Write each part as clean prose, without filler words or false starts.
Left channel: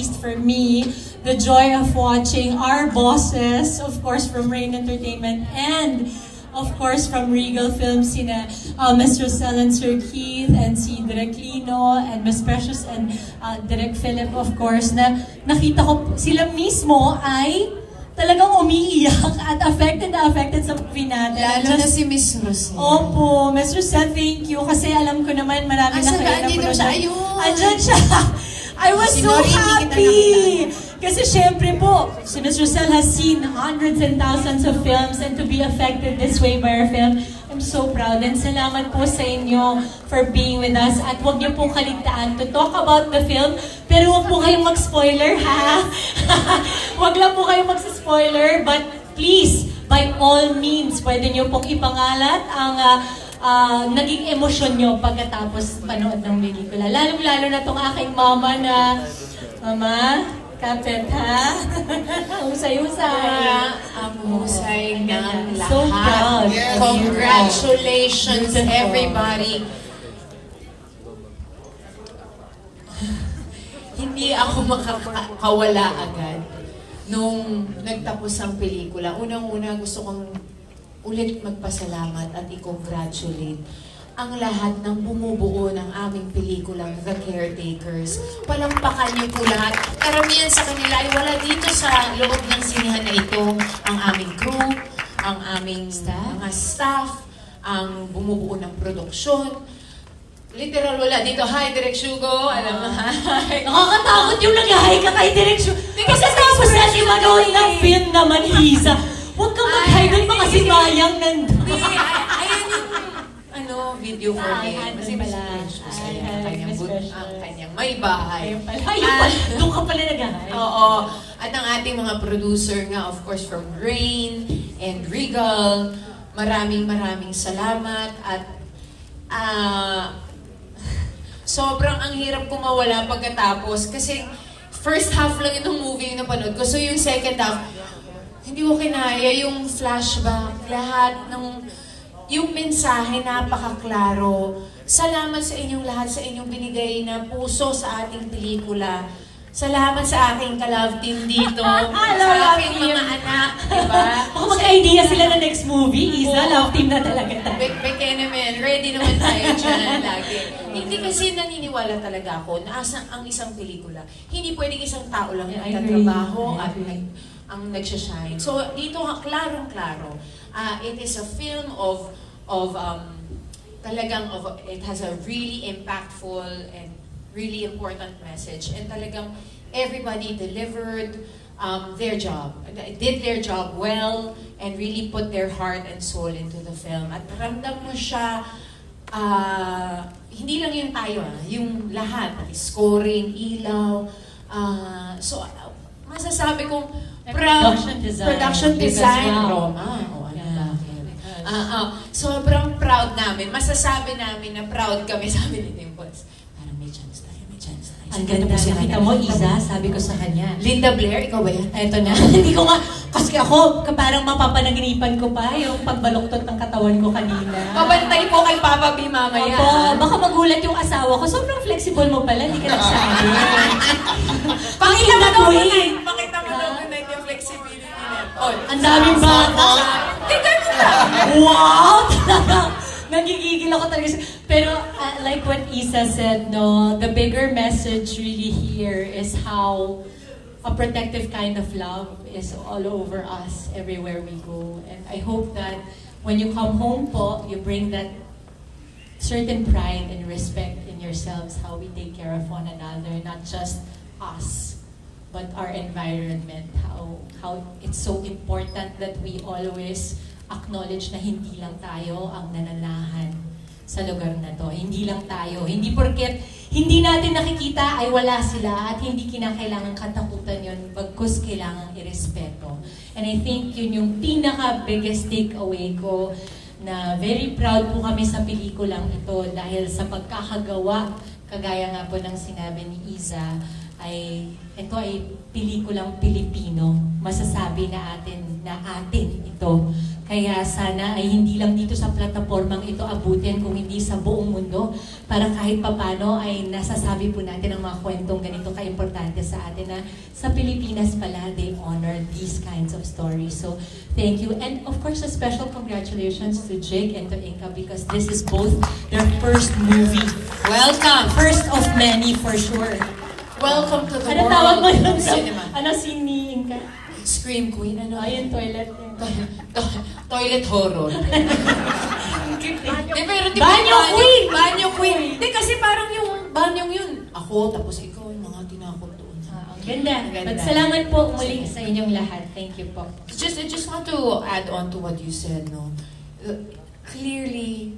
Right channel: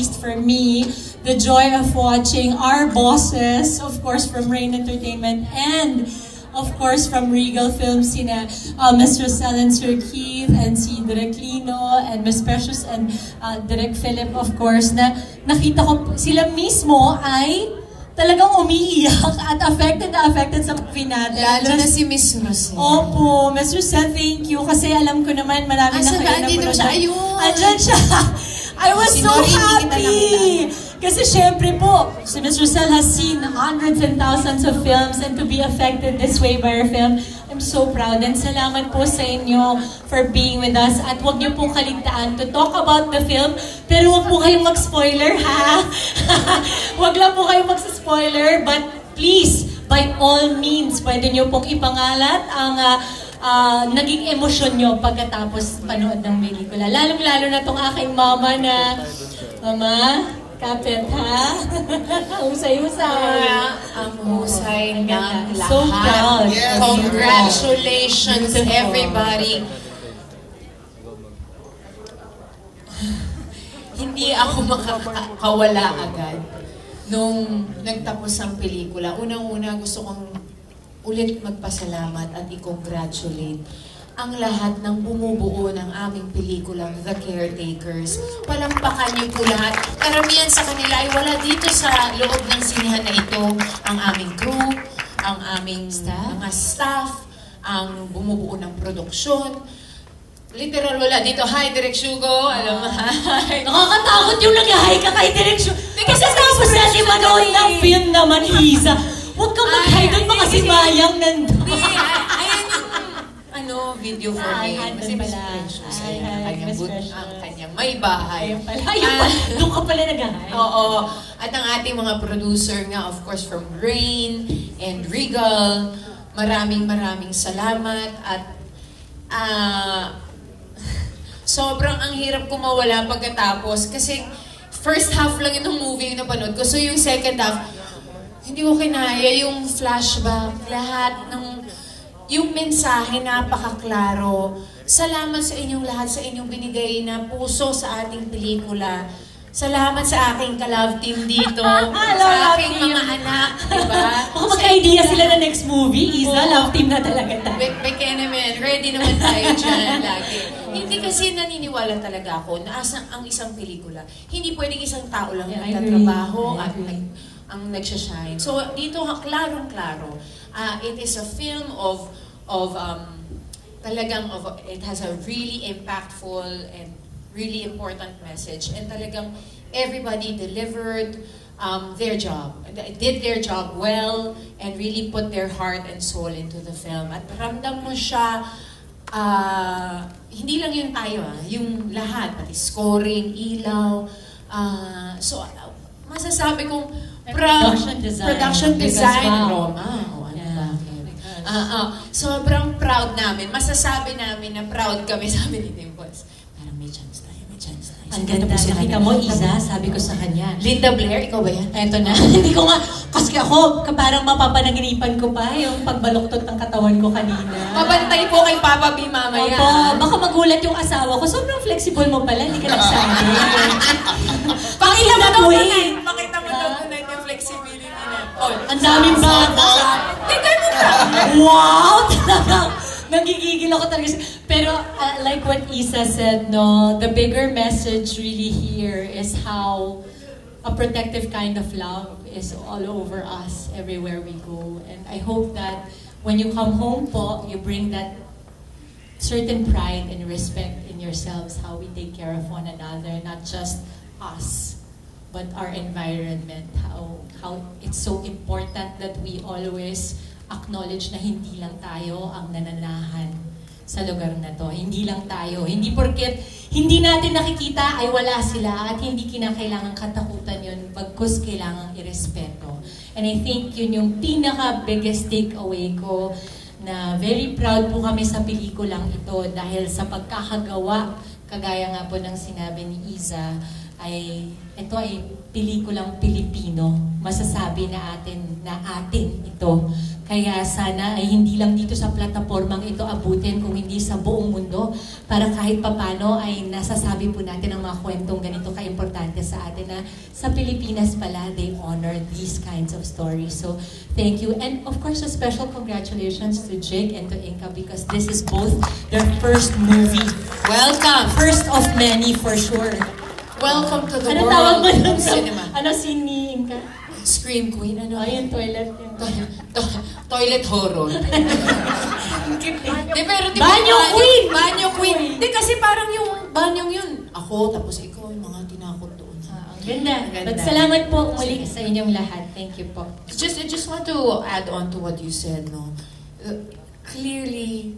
For me, the joy of watching our bosses, of course from Rain Entertainment and of course from Regal Films, sina Ms. Rosel and Sir Keith and si Direk Lino and Ms. Precious and Direk Philip, of course, na nakita ko sila mismo ay talagang umiiyak at affected sa finale. Lalo na si Ms. Rosel. Opo, Ms. Rosel, thank you. Kasi alam ko naman marami na kayo na dito siya? Ayun! Andyan siya! I was so happy! Kasi syempre po, si Ms. Rosel has seen hundreds and thousands of films and to be affected this way by our film, I'm so proud. And salamat po sa inyo for being with us. At huwag niyo pong kaligtaan to talk about the film, pero huwag po kayong mag-spoiler, ha? Huwag lang po kayong mag-spoiler, but please, by all means, pwede niyo pong ipangalat ang naging emosyon nyo pagkatapos manood ng pelikula. Lalo-lalo na itong aking mama na, Mama, kapit ha? Husay-husay. Ang husay ng lahat. So proud. Congratulations everybody. Hindi ako makakawala agad nung nagtapos ang pelikula. Unang-una gusto kong ulit magpasalamat at i-congratulate ang lahat ng bumubuo ng aming pelikulang The Caretakers. Palampakan niyo po lahat. Karamihan sa kanila ay wala dito sa loob ng sinihan na ito. Ang aming crew, ang aming mga staff, ang bumubuo ng produksyon. Literal wala dito. Hi, Direk Shugo. Alam mo, hi. Nakakatakot yung nag-hi ka kay Direk Shugo. Kasi tapos na si manood ng film naman, Isa. Huwag kang mag-hi doon, mga sinayang nandun. Ayan yung video for me. Kasi mas precious ang kanyang may bahay. Doon ka pala nag-hi. Oo. At ang ating mga producer nga, of course, from Rain and Regal. Maraming salamat. At sobrang ang hirap ko mawala pagkatapos. Kasi first half lang itong movie na napanood ko. So yung second half, hindi ko kinaya yung flashback, lahat ng yung mensahe napakaklaro. Salamat sa inyong lahat, sa inyong binigay na puso sa ating pelikula. Salamat sa aking ka-love team dito, sa aking mga anak, diba? Kung magka-idea sila na next movie, Isa, love team na talaga tayo. Bekene men, ready naman tayo dyan lagi. Hindi kasi naniniwala talaga ako na ang isang pelikula, hindi pwedeng isang tao lang nagtatrabaho at ang nagsashine. So, dito, klarong-klaro. It is a film it has a really impactful and really important message. And talagang everybody delivered their job. Did their job well and really put their heart and soul into the film. At ramdam mo siya, hindi lang yung tayo, yung lahat, pati scoring, ilaw. So, masasabi kong production design, Roma. Sobrang proud namin. Masasabi namin na proud kami, sabi ni Dimples. Parang may chance tayo. Ang ganda. Nakita mo, Isa, sabi ko sa kanya. Linda Blair, ikaw ba yan? Eto na. Hindi ko nga, kasi ako, parang mapapanaginipan ko pa yung pagbaloktot ng katawan ko kanina. Mabantay po kay Papa B mamaya. Opo, baka magulat yung asawa ko. Sobrang flexible mo pala, hindi ka nagsabi. Pakita mo daw yung flexibility na. Ang daming bata. Tignan mo ka! Wow! Nagigigil ako talaga. Pero like what Isa said, no, the bigger message really here is how a protective kind of love is all over us, everywhere we go. And I hope that when you come home po, you bring that certain pride and respect in yourselves, how we take care of one another, not just us, but our environment, how it's so important that we always acknowledge na hindi lang tayo ang nananahan sa lugar na to. Hindi lang tayo. Hindi porket hindi natin nakikita ay wala sila at hindi kinakailangan katakutan yun, bagkus kailangan irespeto. And I think yun yung pinaka-biggest takeaway ko na very proud po kami sa pelikulang ito dahil sa pagkakagawa, kagaya nga po ng sinabi ni Isa, ito ay pelikulang Pilipino. Masasabi na atin ito. Kaya sana ay hindi lang dito sa platapormang ito abutin, kung hindi sa buong mundo, para kahit papano ay nasasabi po natin ang mga kwentong ganito kaimportante sa atin, na sa Pilipinas pala, they honor these kinds of stories. So, thank you. And of course, a special congratulations to Jake and to Inka, because this is both their first movie. Welcome! First of many, for sure. Welcome to the Ano world tawag mo of dun sa, cinema. ano scene ni Inka? Scream Queen, ano? Ayun, toilet. Toilet horror. Di, pero di ba, Banyo Queen! Banyo Queen! Di, kasi parang yung banyong yun. Ako, tapos ikaw, yung mga tinakot doon. Ganda. Ganda. But salamat po muli sa inyong lahat. Thank you po. I just want to add on to what you said, no? Clearly,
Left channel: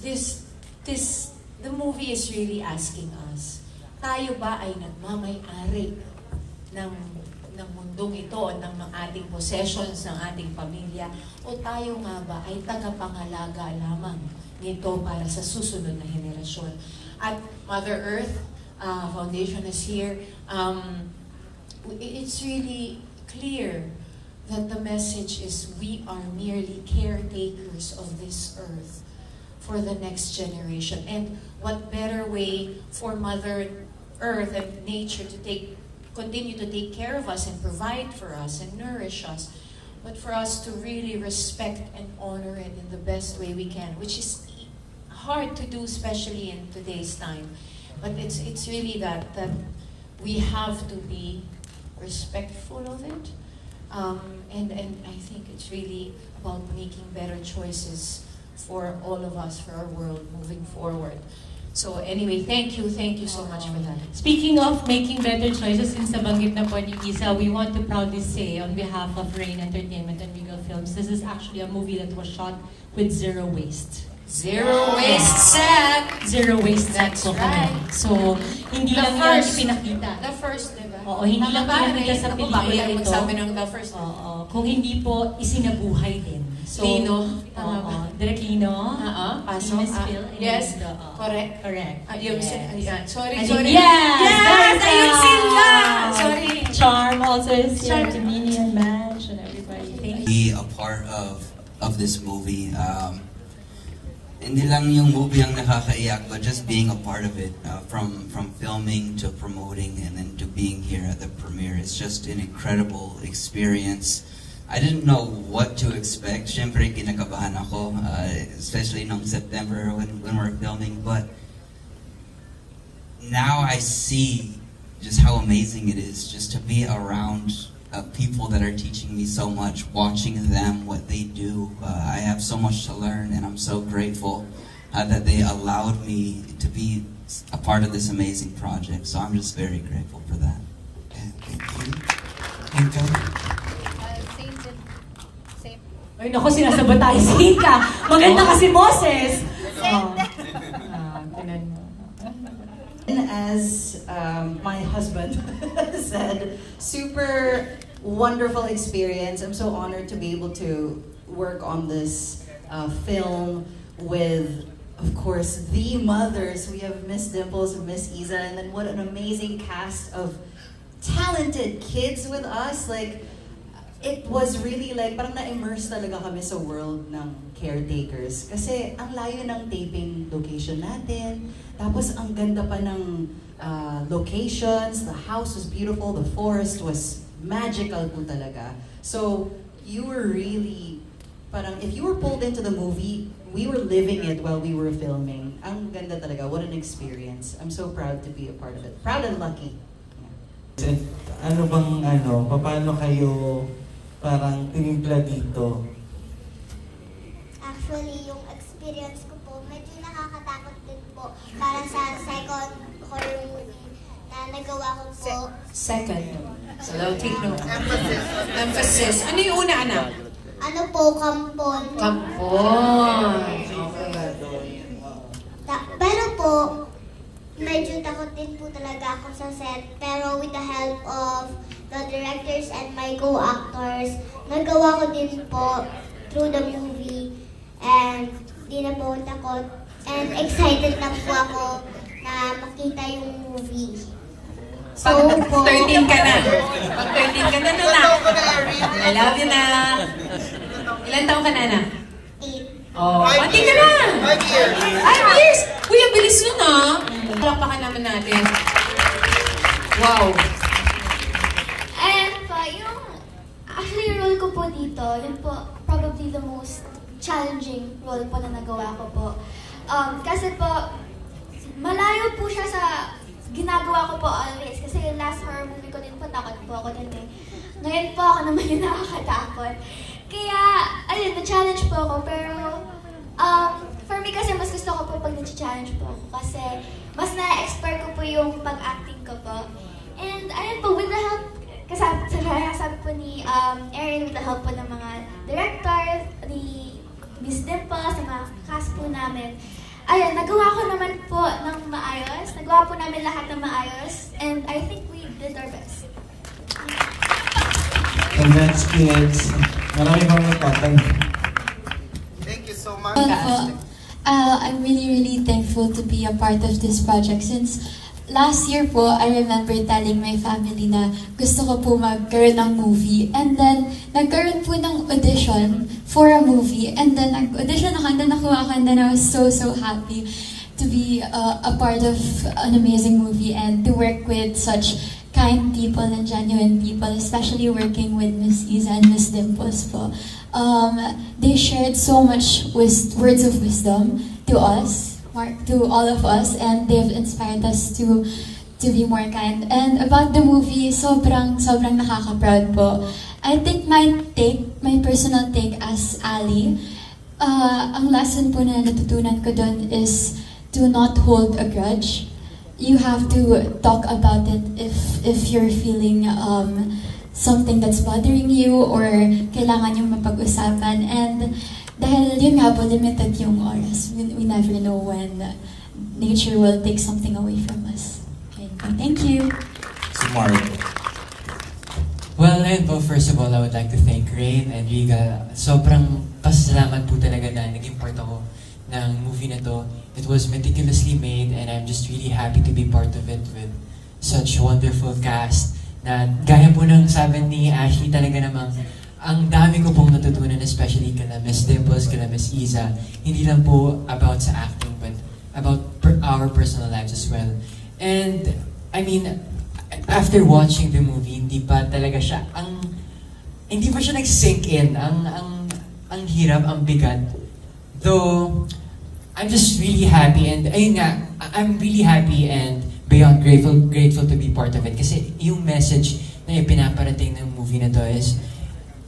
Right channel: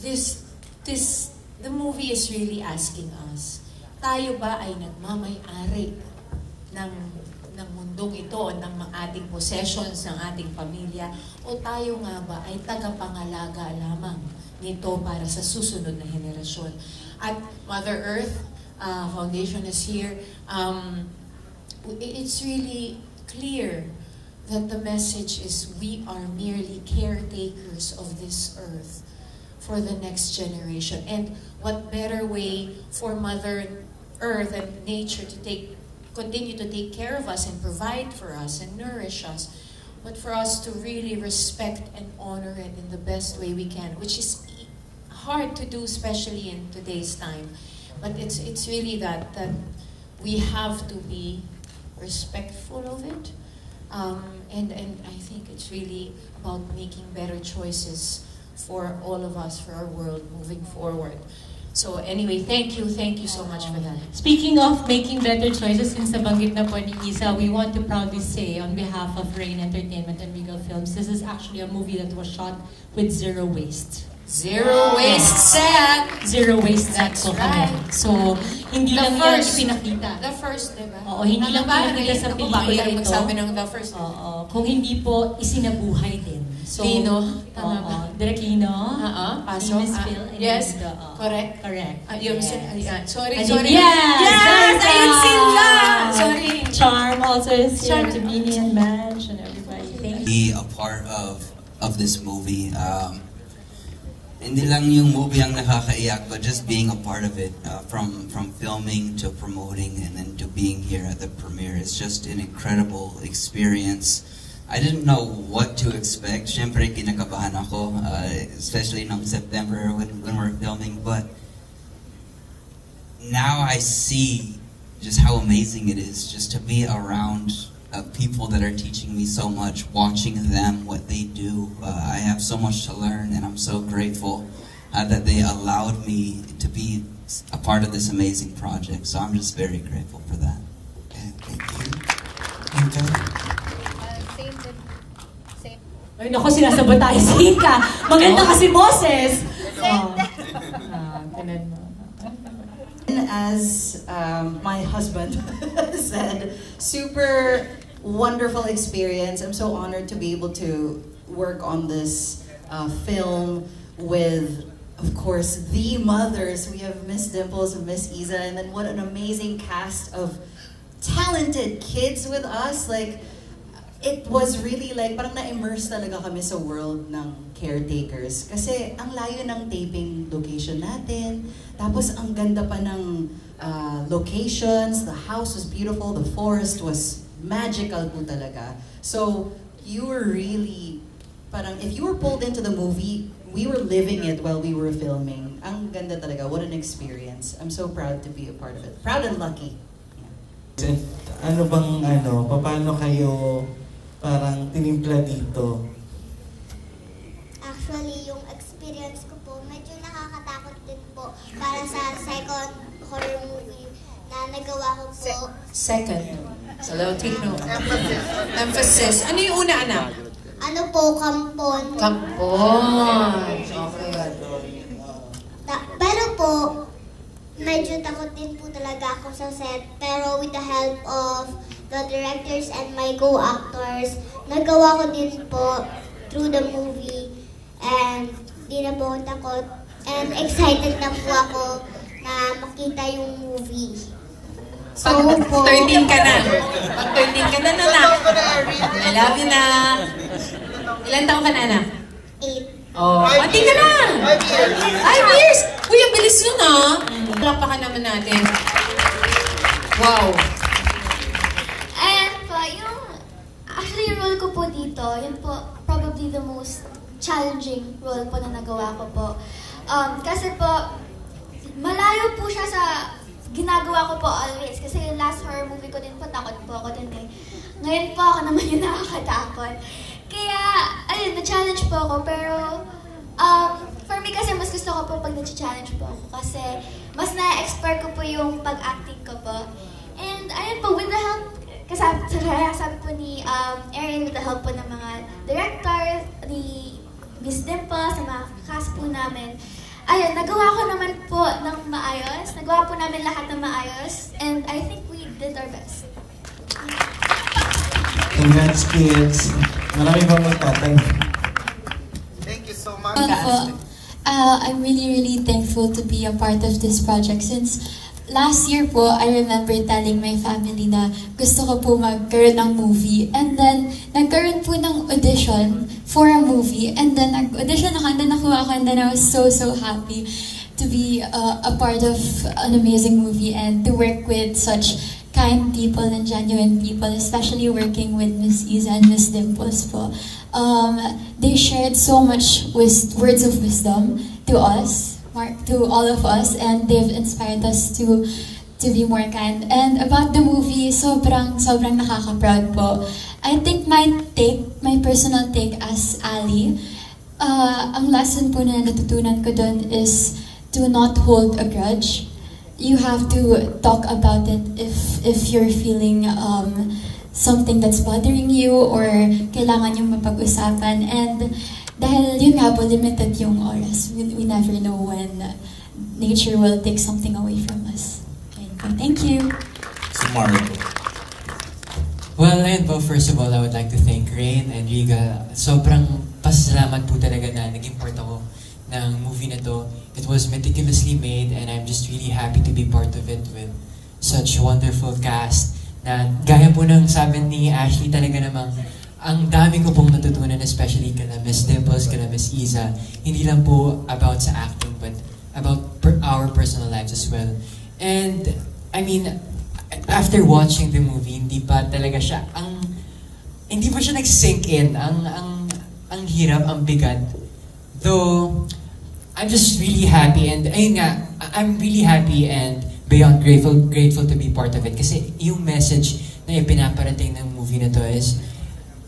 the movie is really asking us, tayo ba ay nagmamay-ari ng mundong ito o ng ating possessions, ng ating pamilya, o tayo nga ba ay tagapangalaga lamang nito para sa susunod na henerasyon? At Mother Earth Foundation is here. It's really clear that the message is we are merely caretakers of this earth for the next generation. And what better way for Mother Earth and nature to continue to take care of us and provide for us and nourish us, but for us to really respect and honor it in the best way we can, which is hard to do, especially in today's time. But it's really that we have to be respectful of it, and I think it's really about making better choices for all of us, for our world moving forward. So anyway, thank you so much for that. Speaking of making better choices, since nabanggit na po ni Isa, we want to proudly say on behalf of Rain Entertainment and Regal Films, this is actually a movie that was shot with zero waste. Zero waste set! Zero waste set. That's So, right. So, hindi The lang first. yan pinakita. The first, diba? Oo, hindi lang pinakita sa pelikula ito. Magsabi ng the first. Oo, kung hindi po isinabuhay din. So, Lino? Tama ba? Direct Lino? Paso? Miss Phil? Yes. Oo. Correct. Correct. Sorry. Yes! Ayun sila! Sorry. Charm also is here. To Mimi and Madge and everybody. Thank you. Be a part of this movie. Hindi lang yung movie ang nakakaiyak, but just being a part of it, from filming to promoting and then to being here at the premiere. It's just an incredible experience. I didn't know what to expect. Siyempre, kinakabahan ako, especially in September when we're filming. But now I see just how amazing it is just to be around people that are teaching me so much, watching them, what they do. I have so much to learn, and I'm so grateful that they allowed me to be a part of this amazing project. So I'm just very grateful for that. Thank you. Same. Ay, naku, sinasabot tayo si Ika. Maganda kasi boses. And as my husband said, super wonderful experience. I'm so honored to be able to work on this film with, of course, the mothers. We have Miss Dimples and Miss Isa, and then what an amazing cast of talented kids with us. Like, it was really like, parang na-immerse talaga kami sa world ng caretakers. Kasi ang layo ng taping location natin. Tapos ang ganda pa ng locations. The house was beautiful. The forest was magical po talaga. So, you were really, parang, if you were pulled into the movie, we were living it while we were filming. Ang ganda talaga. What an experience. I'm so proud to be a part of it. Proud and lucky. Yeah. Ano bang, paano kayo parang tinimpla dito? Actually, yung experience ko po, medyo nakakatakot din po para sa second horror movie na nagawa ko po. Second. So, take note. Emphasis. Ano yung una, anak? Ano po, Kampon. Kampon. Okay. Pero po, medyo takot din po talaga ako sa set. Pero with the help of the directors and my co-actors, nagawa ko din po through the movie. And di na po takot. And excited na po ako na makita yung movie. Pag 13 ka na. Pag 13 ka na, anak. I love you na. Ilan taong ka na, anak? 8. Oh, pati ka na! 5 years! Kuya, bilis yun ah! Palakpakan naman natin. Wow! And po, actually yung role ko po dito, yun po probably the most challenging role po na nagawa ko po. Kasi po, malayo po siya sa ginagawa ko po always. Kasi yung last horror movie ko din po, takot po ako din eh. Ngayon po ako naman yung nakakatakot. Kaya, ayun, na-challenge po ako. Pero, for me kasi mas gusto ko po pag na-challenge po ako. Kasi, mas na-expert ko po yung pag-acting ko po. And, ayun po, with the help, sabi po ni Erin, with the help po ng mga director, ni Miss Dimple, sa mga cast po namin. Ayun, nagawa ko naman po ng maayos. Nagawa po namin lahat ng maayos. And I think we did our best. Congrats, kids. Marami bang magtatanong? Thank you so much. I'm really thankful to be a part of this project since last year po, I remember telling my family na gusto ko po magkaroon ng movie. And then, nagkaroon po ng audition for a movie. And then, nag-audition ako, and then nakuha ako, and then I was so happy to be a part of an amazing movie and to work with such kind people and genuine people, especially working with Miss Iza and Miss Dimples po. They shared so much words of wisdom to us, to all of us, and they've inspired us to be more kind. And about the movie, sobrang nakaka-proud po. I think my personal take as Ali, ang lesson po na natutunan ko doon is to not hold a grudge. You have to talk about it if you're feeling something that's bothering you or kailangan yung mapag-usapan. And dahil yun nga po, limited yung oras. We never know when nature will take something away from us. Okay. Thank you. Well, ayun po, first of all, I would like to thank Rain and Riga. Sobrang pasalamat po talaga na naging part ako ng movie na to. It was meticulously made and I'm just really happy to be part of it with such wonderful cast na gaya po ng sabi ni Ashley, talaga namang ang dami ko pong natutunan, especially kina Miss Dimples, kina Miss Iza. Hindi lang po about sa acting but about our personal lives as well. And I mean, after watching the movie, hindi pa siya nag-sink in. Ang hirap, ang bigat. Though I'm just really happy and ayun nga, I'm really happy and beyond grateful to be part of it. Kasi yung message na ipinaparating ng movie na to is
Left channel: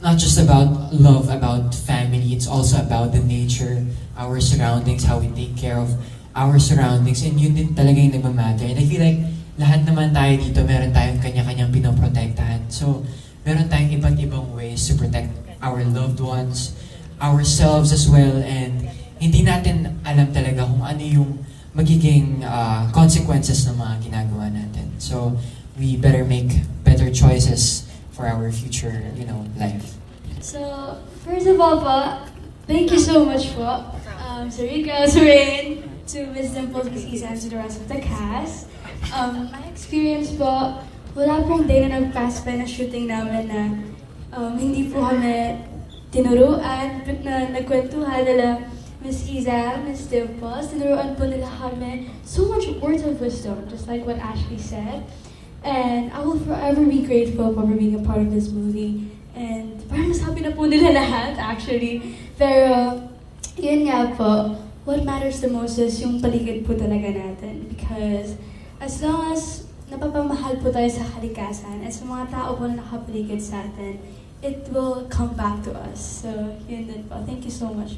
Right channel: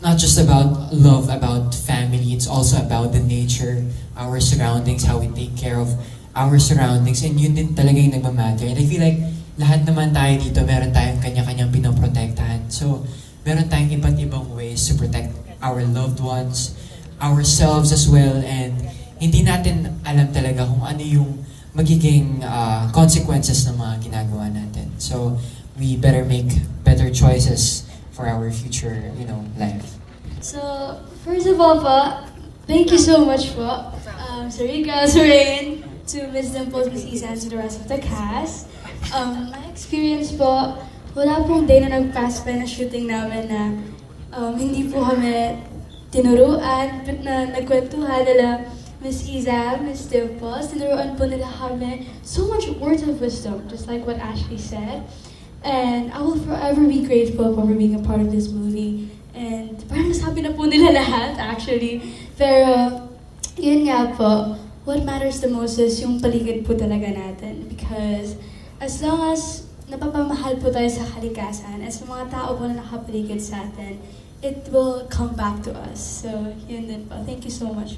not just about love, about family. It's also about the nature, our surroundings, how we take care of our surroundings. And yun din talaga yung nagmamatter. And I feel like lahat naman tayo dito, meron tayong kanya-kanyang pinoprotektahan. So, meron tayong iba't ibang ways to protect our loved ones, ourselves as well, and hindi natin alam talaga kung ano yung magiging consequences ng mga ginagawa natin. So, we better make better choices for our future, life. So, first of all po, thank you so much po, Sir Riga, Sir Rain, to Ms. Dimples, Ms. Iza, and to the rest of the cast. My experience po, wala pong day na nag-pass pa na shooting namin na hindi po kami tinuruan, na nagkwentuhan nila Ms. Iza, Ms. Dimples, tinuruan po nila kami so much words of wisdom, just like what Ashley said. And I will forever be grateful for being a part of this movie. And parang nasabi na po nila lahat, actually. Pero, yun nga po, what matters the most is yung paligid po talaga natin. Because as long as napapamahal po tayo sa kalikasan, as mga tao po na nakapaligid sa atin, it will come back to us. So, yun din po. Thank you so much.